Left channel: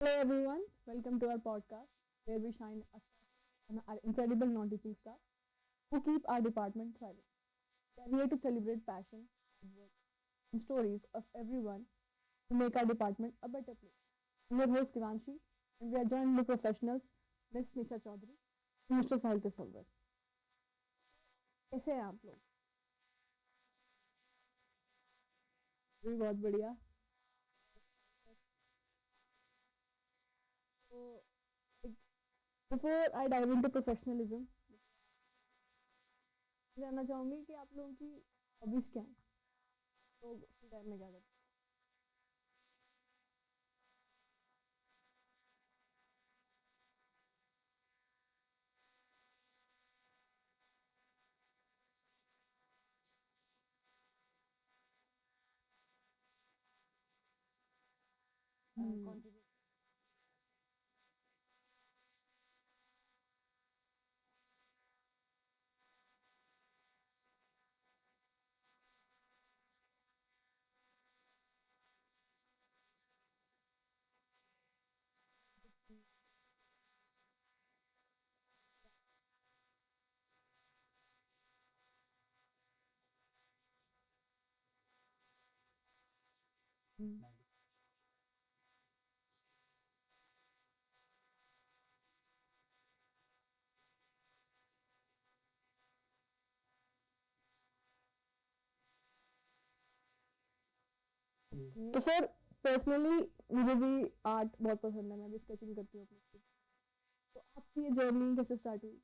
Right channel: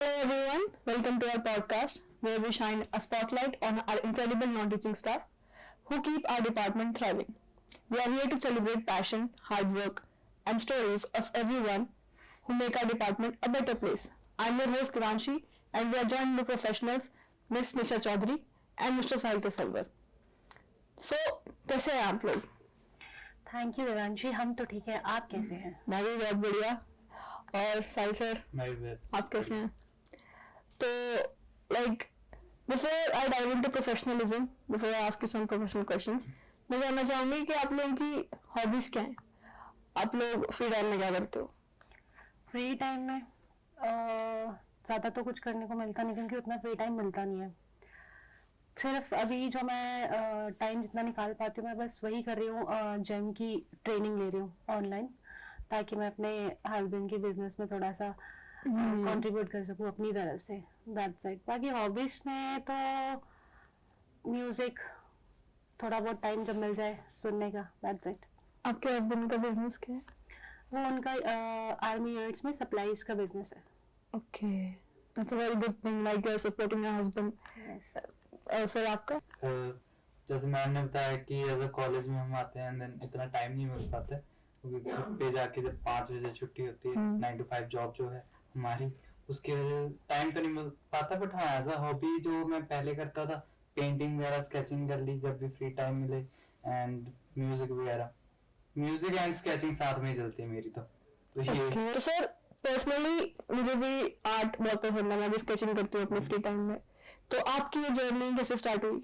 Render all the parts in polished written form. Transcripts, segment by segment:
Hello everyone, welcome to our podcast where we shine a spotlight on our incredible non-teaching staff who keep our department thriving. We are here to celebrate passion, hard work, and stories of everyone who make our department a better place. I'm your host Kiranshi and we are joined by professionals Miss Nisha Chaudhary and Mr. Sahil Tasalwar. So, कैसे हैं आप लोग? Thank you Devanshi, हम तो ठीक है, आप कैसे हैं? मैं भी बहुत बढ़िया. और साहिल सर, मैं भी आप कैसे हैं? तो like before I dive into professionalism, before I ask you some professional questions, मैं जानना चाहूंगी कि आप लोगों की हॉबीज क्या हैं? आप लोग फ्री टाइम में क्या करते हो? फ्री टाइम में ज़्यादा तो कुछ करने को मिलता नहीं क्योंकि उतना फ्री टाइम मिलता नहीं है. सिर्फ अभी जो मैं टाइम जितना निकाल पाती हूँ मैं बस वही कर रही हूँ, जिम की ट्रेनिंग ले रही हूँ ऑनलाइन, ताकि मैं अपने हस्बैंड के बिजनेस में थोड़ा सा कंट्रीब्यूट कर सकूँ अपनी तरफ से. That's it. बाकी हॉबीज में तो म्यूजिक, थोड़ा बहुत टाइम जब मिल जाए सुनने का. That's it. आपके हस्बैंड का बिजनेस क्या है? वो उनका आर्मी यूनिट्स में सप्लाईज का बिजनेस है. Okay, that's a very good thing, like you are supporting your husband. Sir आपका? जैसे मैम ने बताया कि अगर कॉलेज में हम आते हैं देन इतना टाइम नहीं मिल पाता है, क्योंकि घर पे जाके जब 5 बजे छुट्टी होती है, 9 to 5 जॉब जो है हमारी, उसके वजह टाइम तो नहीं मिल पाता. बट हाँ, एज अ हॉबी जो मैं पहले करता था, पेंटिंग वगैरह, स्केचिंग कर ली जब भी फ्री टाइम मिले, एंड म्यूजिक वगैरह. म्यूजिक एंड स्केचिंग साथ में ही चलती है मेरी. तो ये Okay. तो सर पर्सनली मुझे भी आर्ट बहुत पसंद है, मैं भी स्केचिंग करती हूँ अपने फ्री टाइम में. तो आपकी ये जर्नी कैसे स्टार्ट हुई?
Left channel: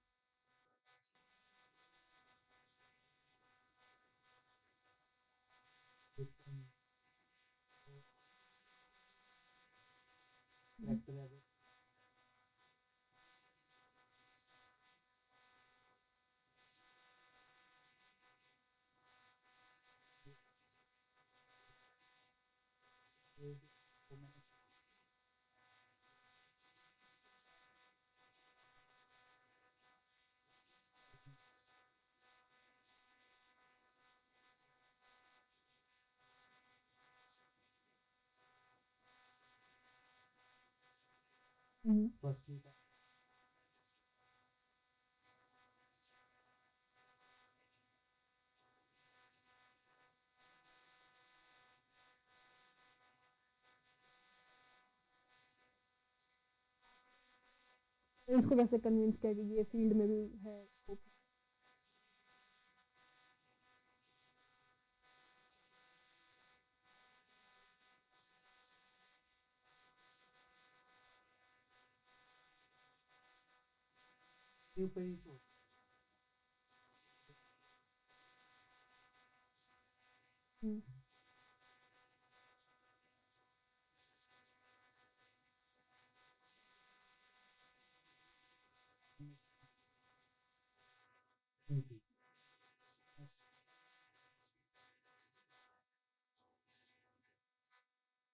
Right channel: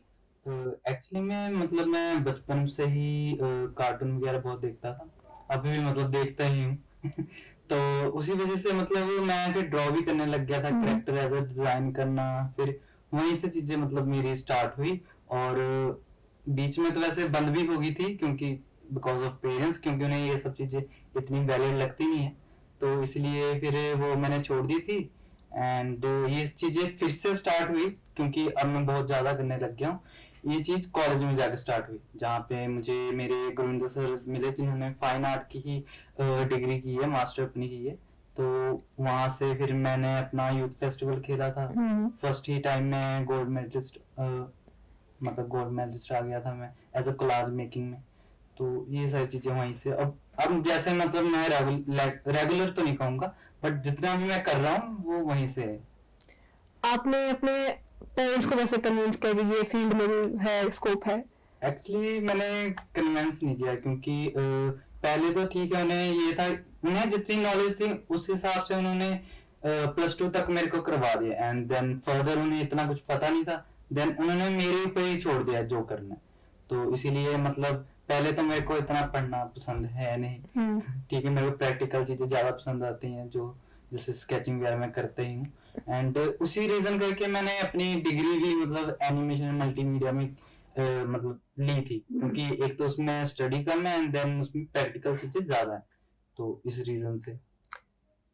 एक्चुअली में मतलब मैं बचपन से ही कार्टून वगैरह बहुत देखता था, अभी भी मतलब देखता ही हूँ. तो उसी वजह से मतलब मैं फिर ड्रॉ भी करने लग गया था, कैरेक्टर एज डिजाइन करना. फिर वहीं से चीजें मतलब मेरी स्टार्ट हुई. और बीच में तो वैसे बंद भी हो गई थी, क्योंकि बिकॉज ऑफ पेरेंट्स, क्योंकि उन्हें ये सब चीजें इतनी वैलिड लगती नहीं है, तो इसलिए फिर वो मैंने छोड़ दी थी. एंड ये चीजें फिर से स्टार्ट हुई क्योंकि अब मैं बहुत ज्यादा करने लग गया हूँ. ये चीज कॉलेज में जाके स्टार्ट हुई, जहाँ पे मुझे मेरे गुरविंदर सर मिले, जिन्होंने फाइन आर्ट की ही डिग्री की है, मास्टर अपनी की है. तो वहां से फिर मैंने अपना यूथ फेस्टिवल खेला था. फर्स्ट ही टाइम में गोल्ड मेडलिस्ट, मतलब गोल्ड मेडलिस्ट आ गया था मैं एज अ कोलाज मेकिंग में. तो ये सारी चीजें वहीं से. अब जैसे मतलब मैं रेगुलर तो नहीं कहूंगा, बट जितना भी मैं कर रहा हूँ वो वहीं से है. आपने अपने पेरेंट्स को कैसे कन्विंस किया कि ये फील्ड में भी है, स्कोप है? एक्चुअली मैंने कन्विंस नहीं किया, क्योंकि पहले तो ठीक है, उन्हें ये था, उन्हें जितनी नॉलेज थी उस हिसाब से उन्होंने +2 तक मेरे को करवा दिया. एंड देन फर्दर उन्हें इतना कुछ पता नहीं था, देन उन्होंने मेरे ऊपर ही छोड़ दिया जो करना. तो इसीलिए मतलब पहले तो मेरे को इतना पढ़ना पसंद है नहीं. ठीक है, मेरे को प्रैक्टिकल चीजें ज्यादा पसंद आती हैं, जो जैसे स्केचिंग वगैरह मैं करते ही हूँ. एंड उसी रीजन करके मैंने अपनी डिग्री भी मतलब एनिमेशन मल्टीमीडिया में मतलब ली थी, क्योंकि एक तो उसमें स्टडी कम है एंड देन उसमें प्रैक्टिकल चीजें ज्यादा है. तो इस रीजन से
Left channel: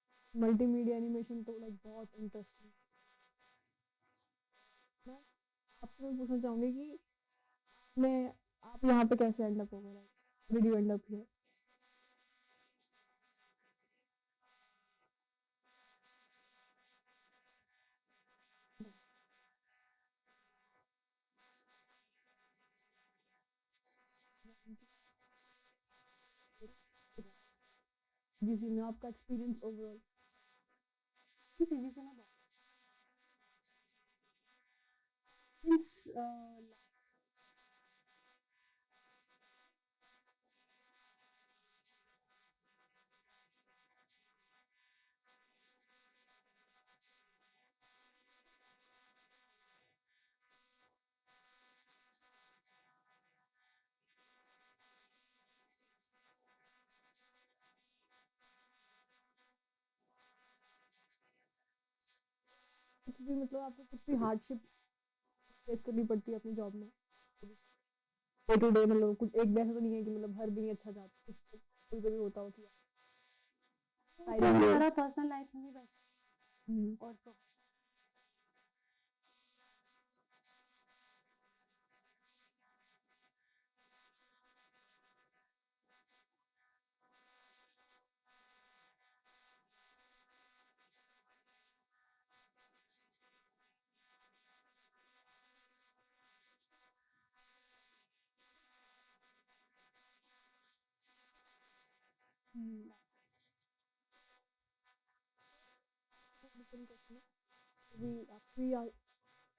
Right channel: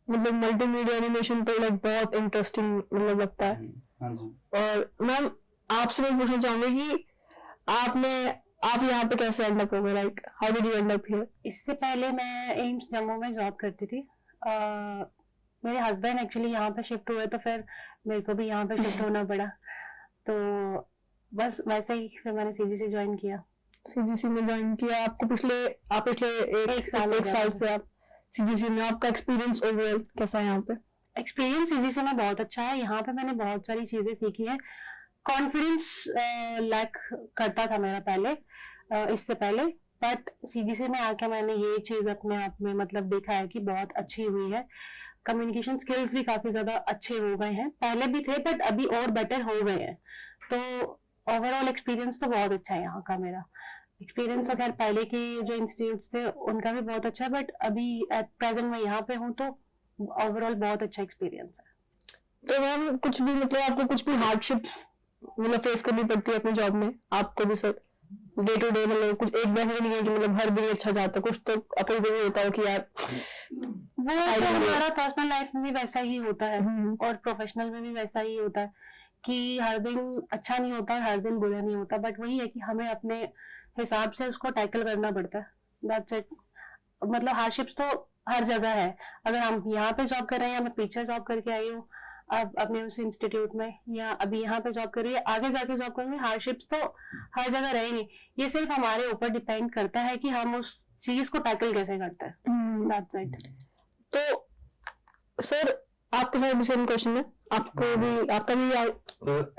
मतलब मल्टीमीडिया एनिमेशन तो लाइक बहुत इंटरेस्टिंग मतलब लगता है. हाँ जी. और मैम आपसे मैं पूछना चाहूंगी कि आप यहाँ पे कैसे एंड अप हो गए, like how did you and up here? इससे पहले मैं एम्स जम्मू में जॉब करती थी. मेरे हस्बैंड एक्चुअली यहाँ पे शिफ्ट हुए, तो फिर मेरे को भी यहाँ पे शिफ्ट होना पड़ा. तो बस वैसे ही फिर मैंने सीजीसी ज्वाइन किया. सीजीसी में ज्वाइन किया. आप पिछले एक साल से आप सीजीसी में. आपका एक्सपीरियंस ओवरऑल कैसा है यहाँ पे? एक्सपीरियंस सीजीसी में बहुत अच्छा है. यहाँ पे मैंने बहुत सारी चीजें सीखी है. कॉन्फिडेंस लैक करता था मेरा पहले, इससे पहले, बट सीजीसी में आके मैंने ये चीज अपने आप में मतलब देखा है कि बहुत अच्छी हुई है. कम्युनिकेशन स्किल्स भी काफी ज्यादा अच्छे हो गए हैं, पहले भी थे बट अभी और बेटर हो गए हैं. तो ओवरऑल एक्सपीरियंस तो बहुत अच्छा है यहाँ का. मेरा एक्सपीरियंस तो खैर पहले के जो इंस्टीट्यूट्स थे उनका भी बहुत अच्छा है, बट अभी एट प्रेजेंट मैं यहाँ पे हूँ तो ओवरऑल बहुत अच्छा एक्सपीरियंस है. तो मैम कुछ भी मतलब आपको कुछ भी हार्डशिप मतलब फेस करनी पड़ती है अपनी जॉब में? आपको भी सर डे टू डे मतलब कुछ एक दिन नहीं है कि मतलब हर दिन अच्छा जाता है, कुछ तो अपने दिन होता है कि यार वो तो हमारा पर्सनल लाइफ में भी वैसा ही होता है और प्रोफेशनल में भी वैसा ही होता है कि हर दिन अच्छा नहीं होता, हर दिन बुरा नहीं होता, बट वही है कि हमें अपने हिसाब से उसको टैकल करना पड़ता है. That's it. मतलब हार्डशिप्स तो हर जगह है. अगर हम यहाँ पे जॉब कर रहे हैं या मैं पीछे जॉब करके आई हूँ, अब अपने उस इंस्टीट्यूट में या अभी यहाँ पे जॉब कर रही है, आगे जाके जॉब करेंगे, हार्डशिप्स तो हर जगह रहेंगे। ये सिर्फ हमारे ऊपर डिपेंड करता है कि हम उस चीज को टैकल कैसे करते हैं। That's it. तो सर आपके साथ भी सेम क्वेश्चन है, आपको भी आपका भी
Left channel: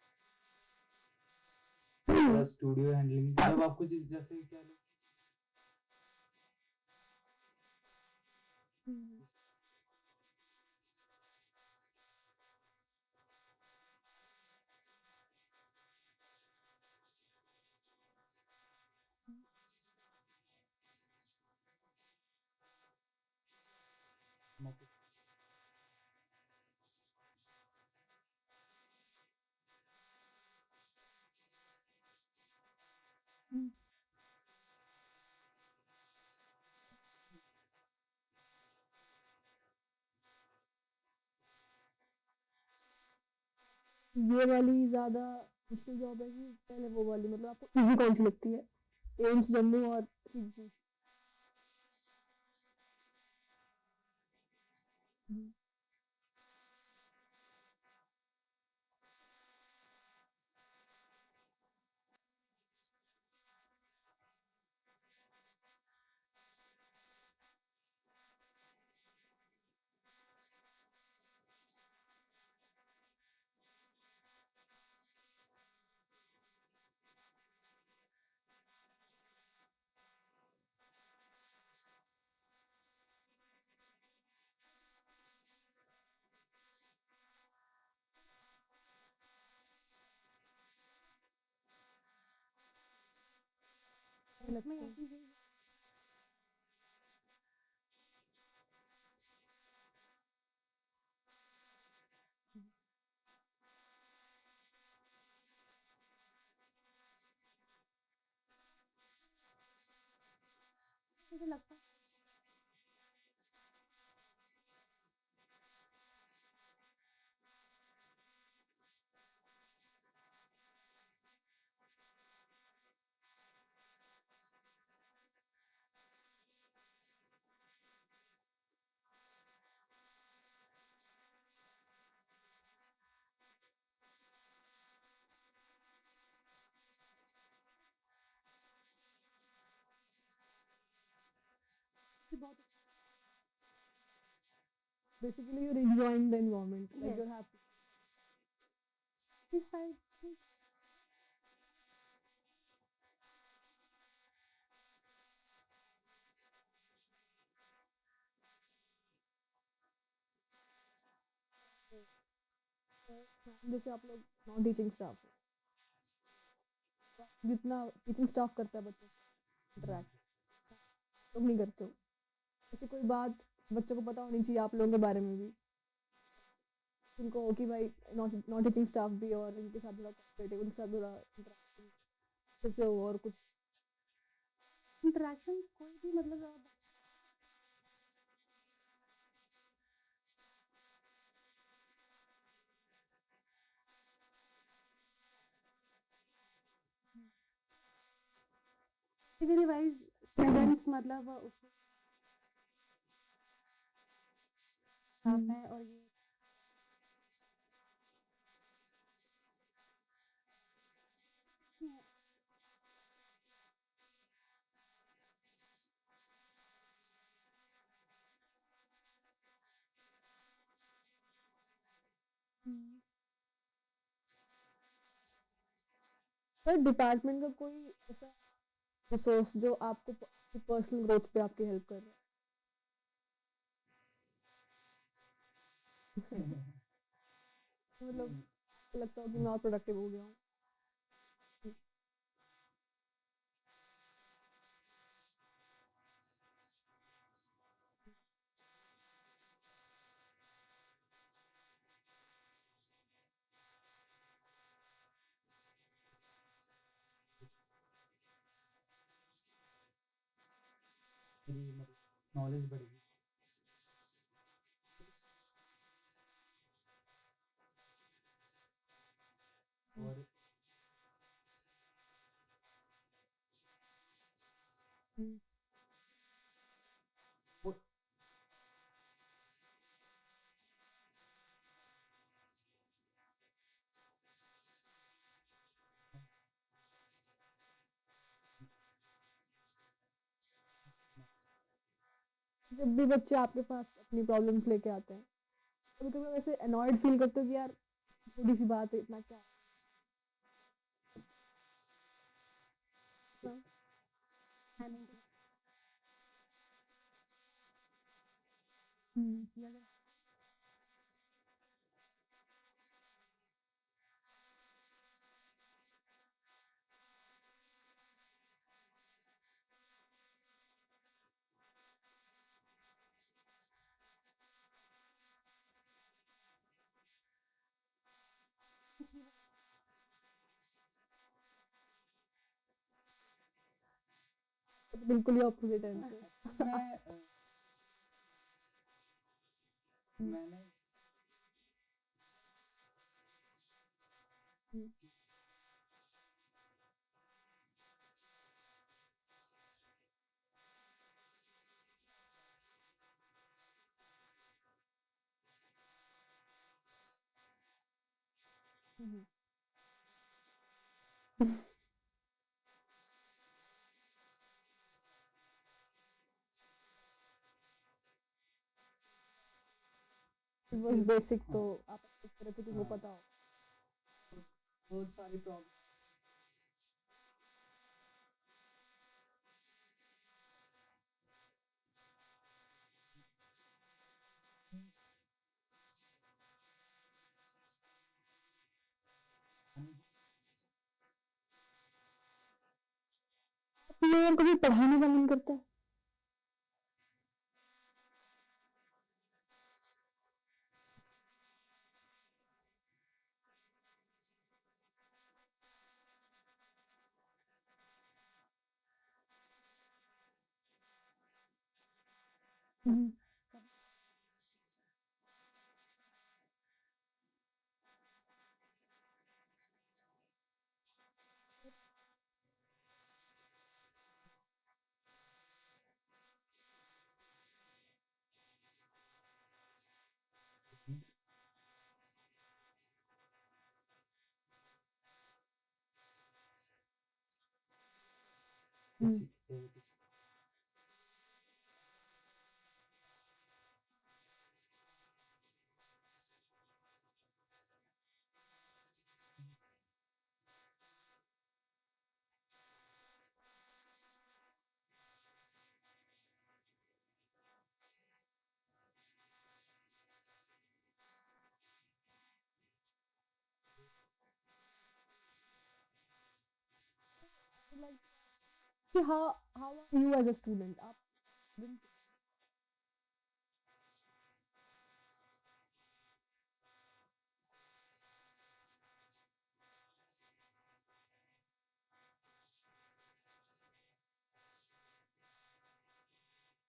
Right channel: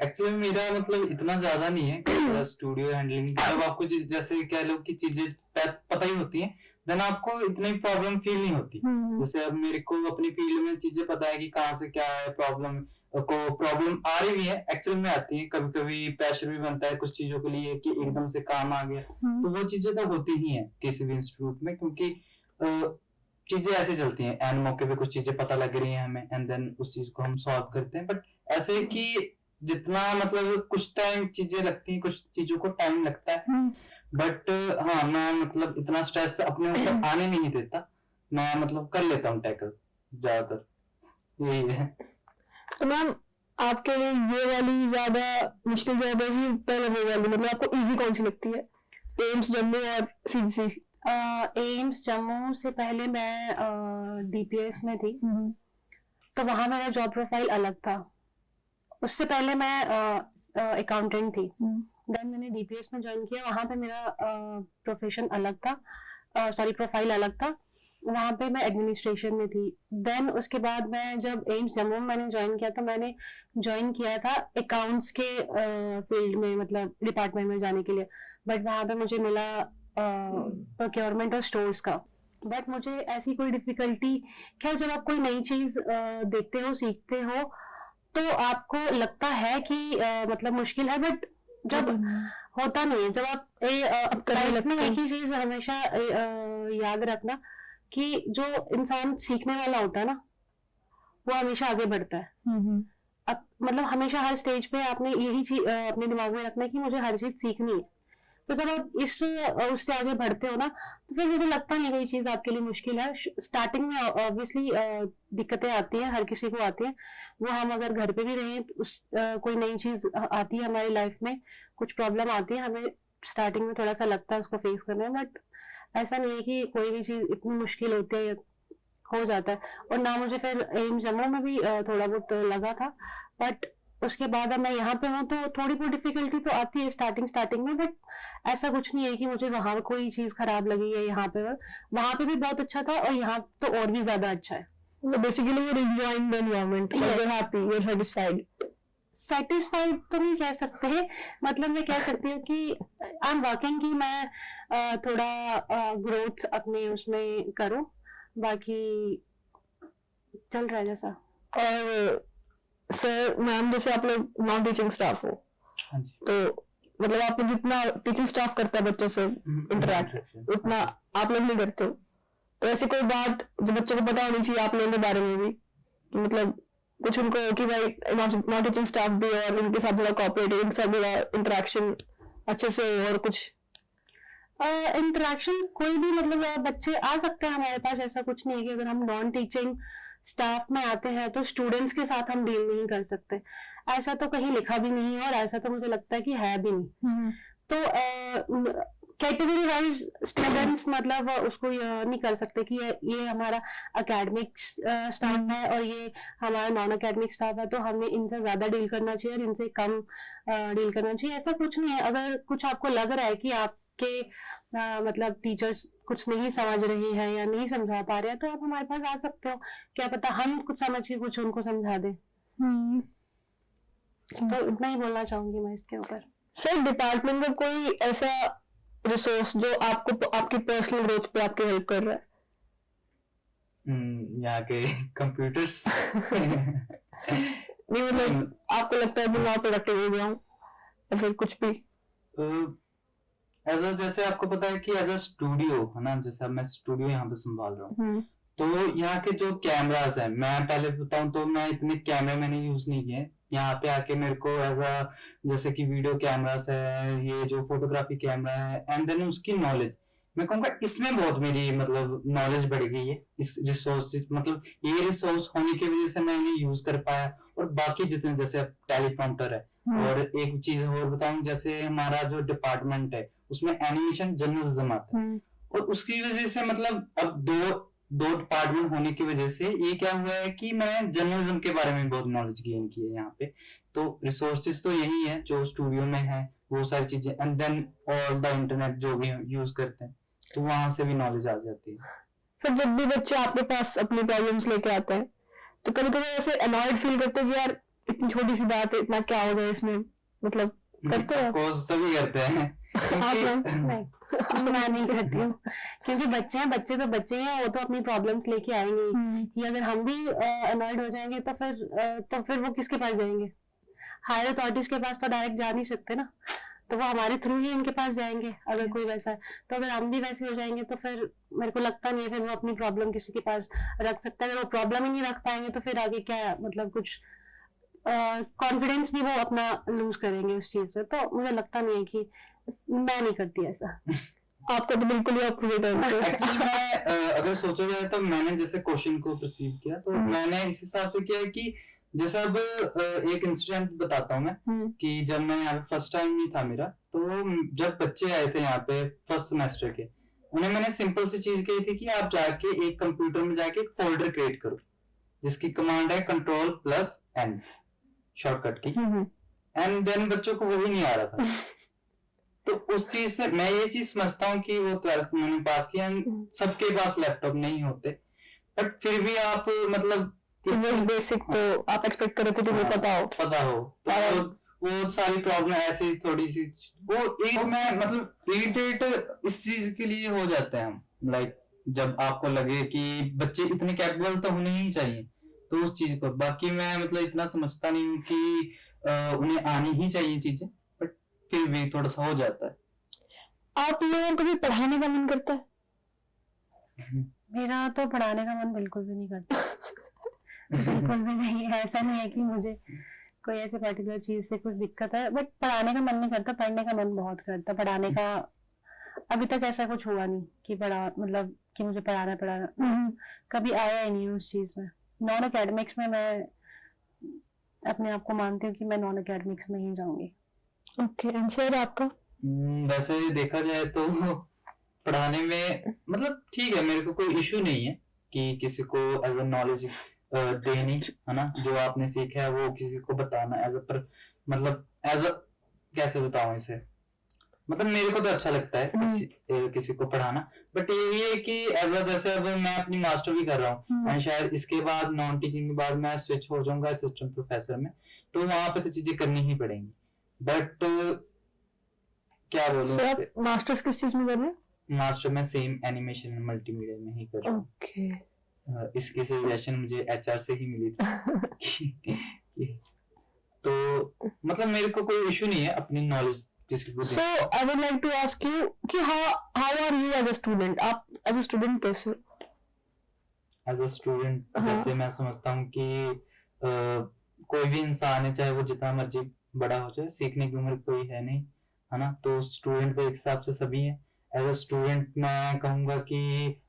एक्चुअली मेरा मतलब इतना ज्यादा नहीं है स्टूडियो हैंडलिंग, जब आपको जैसे कह लो कि चीजें पता ही होती हैं, देन आपको इतनी प्रॉब्लम फील नहीं होती। जैसे अब मेरे को अपनी फील्ड में चीजें पता है कि कहाँ से क्या है, प्रॉब्लम आ रही भी है, एक्चुअल में आती है, कभी कभी प्रेशर भी बनता है कुछ चीजों के लिए कि एकदम से काम आ गया, तो वो चीजें तो होती ही है किसी भी इंस्टीट्यूट में, क्योंकि चीजें ऐसे चलती हैं, एंड मौके पे कुछ चीजें पता लग रही हैं हमें, एंड देन उस चीज को हम सॉल्व करते हैं। बट ऐसे है कि जितना मतलब कुछ टाइम चीजें लगती हैं, कुछ चीजों को टाइम लगता है, बट हाँ मैं मतलब इतना स्ट्रेस अपने ऊपर आने नहीं देता, मैं मतलब कर लेता हूँ टैकल ज्यादातर, यही है। तो मैम आपके लिए ये वाली ज्यादा मुश्किल जॉब है कि पहले वो वाली, मतलब आपको इजी कौन सी लगती है, एम्स जम्मू और सीजीसी? एम्स जम्मू से पहले मैं डीपीएस में थी, तो वहां मेरा जॉब प्रोफाइल अलग था। उससे पहले मैं अकाउंटेंट थी, देन मैंने डीपीएस में ज्वाइन किया, वहां पे मेरा प्रोफेशन अलग था, प्रोफाइल अलग था, वहां पे मैं एडमिनिस्ट्रेशन में थी। देन उसके बाद मैं जब एम्स जम्मू में मैंने ज्वाइन किया, तो मैंने ज्वाइन किया था अकाउंट्स के फील्ड में, मतलब डिपार्टमेंट में जाने के लिए, बट वहां पे मुझे मिला प्रोक्योरमेंट और स्टोर्स का। बट मुझे ऐसी कोई डिफिकल्टी, खैर जब आप कोई नई चीज देखते हो, सीखते हो, तो आपको लगता है कि मतलब मुश्किल है, बट जब होता नहीं है, जब आप लाइफ में एक ही चीज हमेशा याद रखना कि जो इंसान सीखने वाला होता है ना, वो हमेशा आगे बढ़ता है। मतलब हमेशा हर स्टेज पे आपने यही चीज अपने दिमाग में रखना है कि मुझे हर चीज सीखनी है। तो जब आप उससे आगे बढ़ते हो ना, तो फिर मुझे लगता नहीं कोई चीज आपके लिए मुश्किल है। स्टार्टिंग में ऑब्वियसली दिक्कतें आती हैं, हर किसी को आती हैं, वो हम अगर घर पे भी रहें, कोई नई चीज आती है हमारी लाइफ में, कुछ प्रॉब्लम आती है, हमें स्टार्टिंग में थोड़ा सा लगता है उसको फेस करना है, बट ऐसा नहीं है कि कोई भी चीज इतनी मुश्किल होती है, हो जाता है। और ना मुझे फिर एम्स जम्मू में भी थोड़ा बहुत लगा था, बट उसके बाद अब मैं यहाँ पे हूँ, तो थोड़ी बहुत डिफिकल्टी तो आती है स्टार्टिंग में, बट ऐसा कुछ नहीं है कि मुझे वहां कोई चीज खराब लगी है। यहाँ पे वहां पे भी बहुत अच्छा था, और यहाँ तो और भी ज्यादा अच्छा है। Basically you're enjoying the environment, you're happy, you're satisfied. Satisfied तो नहीं कह सकते, मतलब मैं कह सकती हूँ कि आई एम वर्किंग कि मैं थोड़ा ग्रोथ अपने उसमें करूँ, बाकी चल रहा है जैसा। और सर मैम जैसे आप लोग नॉन टीचिंग स्टाफ हो, हाँ जी। तो मतलब आप जितना टीचिंग स्टाफ करता है बच्चों से इंटरेक्ट, उतना आप लोग नहीं करते हो, तो ऐसी कोई बात जो बच्चों को पता होनी चाहिए आप लोगों के बारे में भी, कि मतलब कुछ उनको कि भाई नॉन टीचिंग स्टाफ भी है और इनके साथ थोड़ा कोऑपरेटिव, इनके साथ थोड़ा इंटरेक्शन अच्छे से हो, और कुछ इंटरेक्शन कोई भी, मतलब बच्चे आ सकते हैं हमारे पास, ऐसा कुछ नहीं है कि अगर हम नॉन टीचिंग स्टाफ में आते हैं तो स्टूडेंट्स के साथ हम डील नहीं कर सकते, ऐसा तो कहीं लिखा भी नहीं है, और ऐसा तो मुझे लगता है कि है भी नहीं। तो कैटेगरी वाइज स्टूडेंट्स मतलब उसको नहीं कर सकते कि ये हमारा एकेडमिक स्टाफ है और ये हमारा नॉन एकेडमिक स्टाफ है, तो हमें इनसे ज्यादा डील करना चाहिए और इनसे कम डील करना चाहिए, ऐसा कुछ नहीं है। अगर कुछ आपको लग रहा है कि आपके मतलब टीचर्स कुछ नहीं समझ रहे हैं या नहीं समझा पा रहे हैं, तो आप हमारे पास आ सकते हो, क्या पता हम कुछ समझ के कुछ उनको समझा दें। तो इतना ही बोलना चाहूंगी मैं इसके ऊपर। सर डिपार्टमेंट का कोई ऐसा रिसोर्स जो आपको आपकी पर्सनल ग्रोथ पे आपकी हेल्प कर रहा है? यहाँ के कंप्यूटर्स नहीं मतलब आपको लगता है कि मैं प्रोडक्टिव हो गया हूँ या फिर कुछ भी? जैसे आपको पता है कि एज अ स्टूडियो है ना, जैसे अब मैं स्टूडियो यहाँ पे संभाल रहा हूँ, तो यहाँ के जो कैमरास है, मैं पहले बताऊं तो मैं इतने कैमरे मैंने यूज नहीं किए। यहाँ पे आके मेरे को एज अ जैसे कि वीडियो कैमरास है, ये जो फोटोग्राफी कैमरा है, एंड देन उसकी नॉलेज, मैं कहूँगा इसमें बहुत मेरी मतलब नॉलेज बढ़ गई है। इस रिसोर्स मतलब ये रिसोर्स होने की वजह से मैं इन्हें यूज कर पाया। और बाकी जितने जैसे टेलीप्रॉम्प्टर है, और एक चीज और बताऊं, जैसे हमारा जो डिपार्टमेंट है उसमें एनिमेशन जर्नलिज्म आता है, और उसकी वजह से मतलब अब दो डिपार्टमेंट होने की वजह से ये क्या हुआ है कि मैं जर्नलिज्म के बारे में बहुत नॉलेज गेन की है यहाँ पे। तो रिसोर्सेज तो यही है जो स्टूडियो में है, वो सारी चीजें, and then all the internet जो भी यूज करते हैं, तो वहां से भी नॉलेज आ जाती है। फिर जब भी बच्चे आपके पास अपनी प्रॉब्लम्स लेके आते हैं तो कभी कभी ऐसे अनॉयड फील करते हो कि यार इतनी छोटी सी बात है, इतना क्या हो गया इसमें, मतलब करते हो आप? कोर्स सभी करते हैं आप लोग? नहीं, मैं नहीं करती हूँ, क्योंकि बच्चे हैं, बच्चे तो बच्चे हैं, वो तो अपनी प्रॉब्लम्स लेके आएंगे ही। कि अगर हम भी अनॉयड हो जाएंगे तो फिर वो किसके पास जाएंगे? हायर अथॉरिटीज के पास तो डायरेक्ट जा नहीं सकते ना, तो वो हमारे थ्रू ही उनके पास जाएंगे अगर कोई वैसा है। तो अगर हम भी वैसे हो जाएंगे तो फिर मेरे को लगता नहीं है फिर वो अपनी प्रॉब्लम किसी के पास रख सकता है। अगर वो प्रॉब्लम ही नहीं रख पाएंगे तो फिर आगे क्या, मतलब कुछ कॉन्फिडेंस भी वो अपना लूज करेंगे उस चीज में। तो मुझे लगता नहीं है कि, मैं नहीं करती ऐसा। आपका तो बिल्कुल ही ऑपोजिट है। एक्चुअली मैं अगर सोचा जाए तो मैंने जैसे क्वेश्चन को परसीव किया तो मैंने इस हिसाब से किया है कि जैसे अब एक इंसिडेंट बताता हूँ मैं कि जब मैं यहाँ फर्स्ट टाइम ही था मेरा, तो जब बच्चे आए थे यहाँ पे फर्स्ट सेमेस्टर के, उन्हें मैंने सिंपल सी चीज कही थी कि आप जाके एक कंप्यूटर में जाके एक फोल्डर क्रिएट करो जिसकी कमांड है Ctrl+N शॉर्टकट की, एंड देन बच्चों को वही नहीं आ रहा था। तो उस चीज से मैं ये चीज समझता हूँ कि वो 12th मैंने पास किया, सबके पास लैपटॉप नहीं होते, बट फिर भी आप मतलब बेसिक तो आप एक्सपेक्ट कर रहे थे कि मुझे पता हो तो वो सारी प्रॉब्लम ऐसे थोड़ी सी वो एक में मतलब इरिटेट इस चीज के लिए हो जाते हैं हम, लाइक जब आपको लगे कि बच्चे इतने कैपेबल तो होने ही चाहिए, तो उस चीज को बाकी मैं मतलब इतना समझता नहीं हूँ कि उन्हें आनी ही चाहिए चीजें, बट फिर भी थोड़ा सा हो जाता है। आप लोगों को भी पढ़ाने का मन करता है? मेरा तो पढ़ाने का मन बिल्कुल भी नहीं करता। बिल्कुल भी नहीं, ऐसा नहीं है कि मुझे कोई ऐसे पर्टिकुलर चीज से कुछ दिक्कत है, बट पढ़ाने का मन नहीं करता। पढ़ने का मन बहुत करता। पढ़ाने का अभी तक ऐसा कुछ हुआ नहीं कि मतलब कि मुझे पढ़ाना कभी आया ही नहीं उस चीज में। नॉन एकेडमिक्स में मैं अपने आप को मानती हूँ कि मैं नॉन एकेडमिक्स में ही जाऊंगी। ओके, आंसर आपका? वैसे देखा जाए तो पढ़ाने में मतलब ठीक है, मेरे को कोई इशू नहीं है कि किसी को एज अ नॉलेज देनी है ना, जो आपने सीखा है वो किसी को बताना एज अ पर मतलब एज अ कैसे बताऊं इसे, मतलब मेरे को तो अच्छा लगता है किसी को पढ़ाना, बट ये है कि एज अ जैसे अब मैं अपनी मास्टर भी कर रहा हूँ एंड शायद इसके बाद नॉन टीचिंग के बाद मैं स्विच हो जाऊंगा असिस्टेंट प्रोफेसर में, तो वहां पे तो चीजें करनी ही पड़ेंगी। बट क्या बोलूं, आप मास्टर्स किस चीज में कर रहे हैं? मास्टर में सेम एनिमेशन मल्टीमीडिया में ही कर रहा हूँ। ओके, इसकी सजेशन मुझे एचआर से ही मिली थी। तो मतलब मेरे को कोई इशू नहीं है अपनी नॉलेज किसी को। So I would like to ask you कि how are you as a student? आप एज अ स्टूडेंट कैसे हो? एज अ स्टूडेंट जैसे मैं समझता हूँ कि कोई भी इंसान है, चाहे वो जितना मर्जी बड़ा हो जाए, सीखने की उम्र कोई है नहीं, है ना, तो स्टूडेंट के हिसाब से सभी है। एज अ स्टूडेंट मैं कहूँगा कि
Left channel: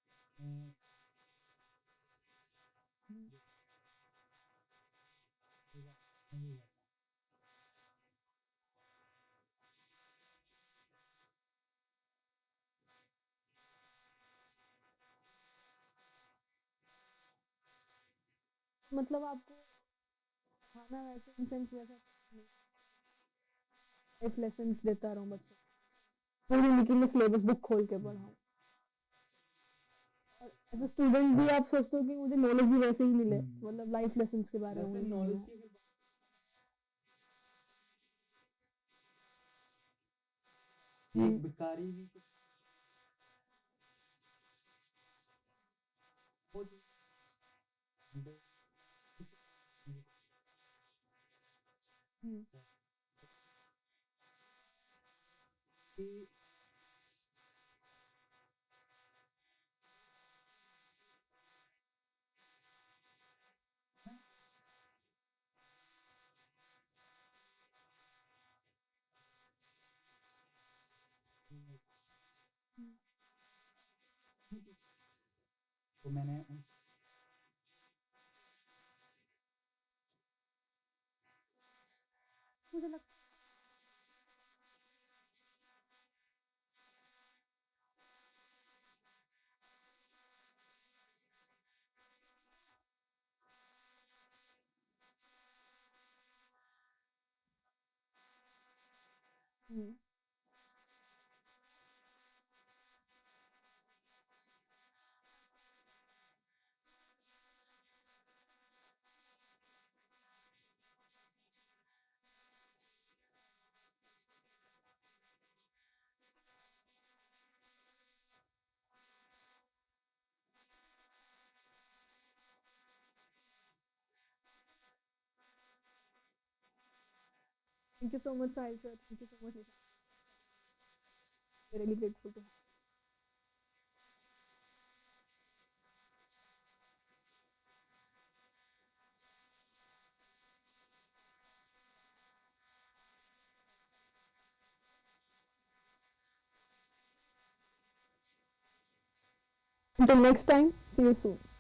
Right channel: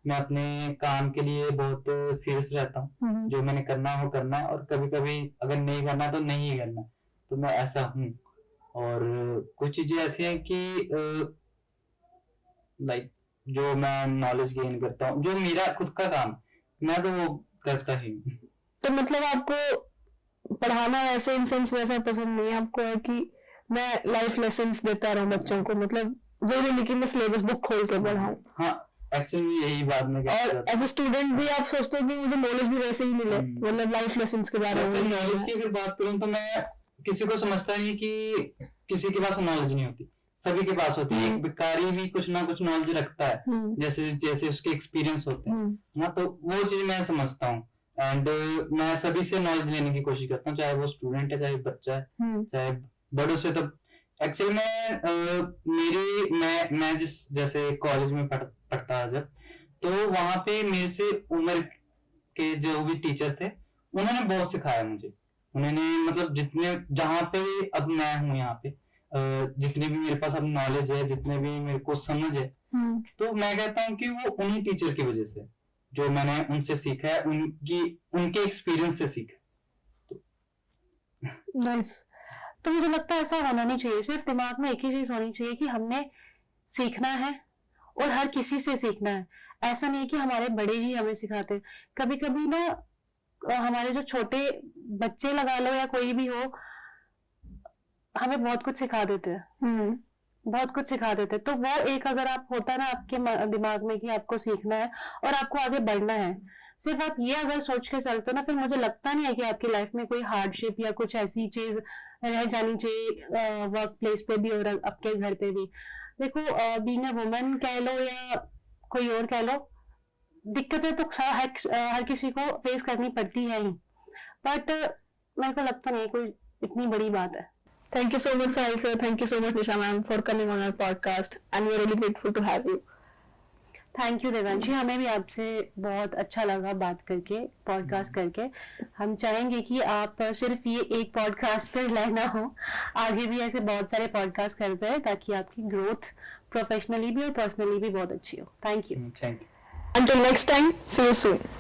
मैं अपने काम के लिए बहुत सीरियस रहता हूँ, जो मैंने करना है वो करना है, और कभी कभी अगर नहीं करना तो नहीं करना, तो मैं ऐसा हूँ। और कुछ चीजें ऐसी हैं कि लाइक जो मैं नॉलेज गेन करता हूँ, जो मेरा खुद का काम मैं तो वो करता ही हूँ। तो मतलब आपको पढ़ाना वैसे इन सेंस वैसा पसंद नहीं है, आपको है कि मैं लाइफ लेसन्स देता रहूं बच्चों को, मतलब जरूरी नहीं कि मैं सिलेबस बुक खोल के पढ़ाऊं। हाँ, एक्चुअली यही बात मैं और एज अ स्टूडेंट भी आप सोचते हो कि मुझे नॉलेज भी वैसे ही मिले, मतलब लाइफ लेसन्स के बारे में। नॉलेज की अगर बात करूं तो मैं किसी को समझता नहीं कि किसी के पास नॉलेज नहीं होती, सभी के पास होती है। एक भिखारी भी कुछ ना कुछ नॉलेज रखता है, जैसे जैसे उसके एक्सपीरियंस होते हैं ना, तो वो चीज मैं समझता हूँ। एंड मैं सभी से नॉलेज लेने की कोशिश करता हूँ, चाहे वो स्टूडेंट है, चाहे बच्चा है, चाहे बड़ों से। तो एक्चुअली मैं जिस जैसे कॉलेज में पढ़ता जब, तो वहां पे मेरे से उम्र के जो भी टीचर थे उन्होंने बहुत सिखाया मुझे। उन्होंने मतलब जितने जहाँ पे अब मैं हूँ यहाँ पे, जितनी भी मेरे पास अब नॉलेज है, जितने भी मेरे को समझ है, तो मैं कहता हूँ कि वो उन्हीं टीचर की वजह से, जो मैंने उनसे सीखा है, उनके एक्सपीरियंस से सीखा। नाइस। तो मुझे लगता है ऐसा होना नहीं चाहिए, सिर्फ दिमाग में एक ही चीज होनी चाहिए कि हमने सीखना है और हर किसी से सीखना है। ऐसा नहीं है कि हमारे बड़े ही हमें सिखाते, कभी कभी ना हमारे जो छोटे बच्चे लगा लो या कोई भी हो, हमें बहुत कुछ सिखा देते हैं, बहुत कुछ सिखा देते हैं। तो वो एक अगर आप होता है ना आपके दिमाग में कि आपको सीखना है और आपको आगे बढ़ना है, सिर्फ आप ये अगर सोच के चलते हो ना, फिर मुझे लगता नहीं है कि आपकी लाइफ में कोई हार्डशिप या कुछ ऐसी चीज रह जानी चाहिए, वर्क प्लेस पे भी और आपके घर पे भी। देखो, बीइंग अ वुमन कह लो या कोई और कह लो, दिक्कतें तो हर किसी को फेस करनी पड़ती है ही, बट मेरे को लगता नहीं है कोई इतनी बड़ी बात है। Thank you so much, Sahil sir. Thank you so much, Nisha ma'am, for coming on our podcast, and we're really grateful to have you. Thank you Devanshi, हमें भी आपसे बहुत अच्छा लगा बात करके, पॉडकास्ट करके। हम चाहेंगे कि आप सिर्फ ये एक पॉडकास्ट पर रहना हो, आगे भी ऐसे बहुत सारे पॉडकास्ट करते हैं ताकि आपकी ग्रोथ प्रोफेशनली भी और पर्सनली भी बहुत अच्छी हो। Thank you. Thank you. Until next time, see you soon.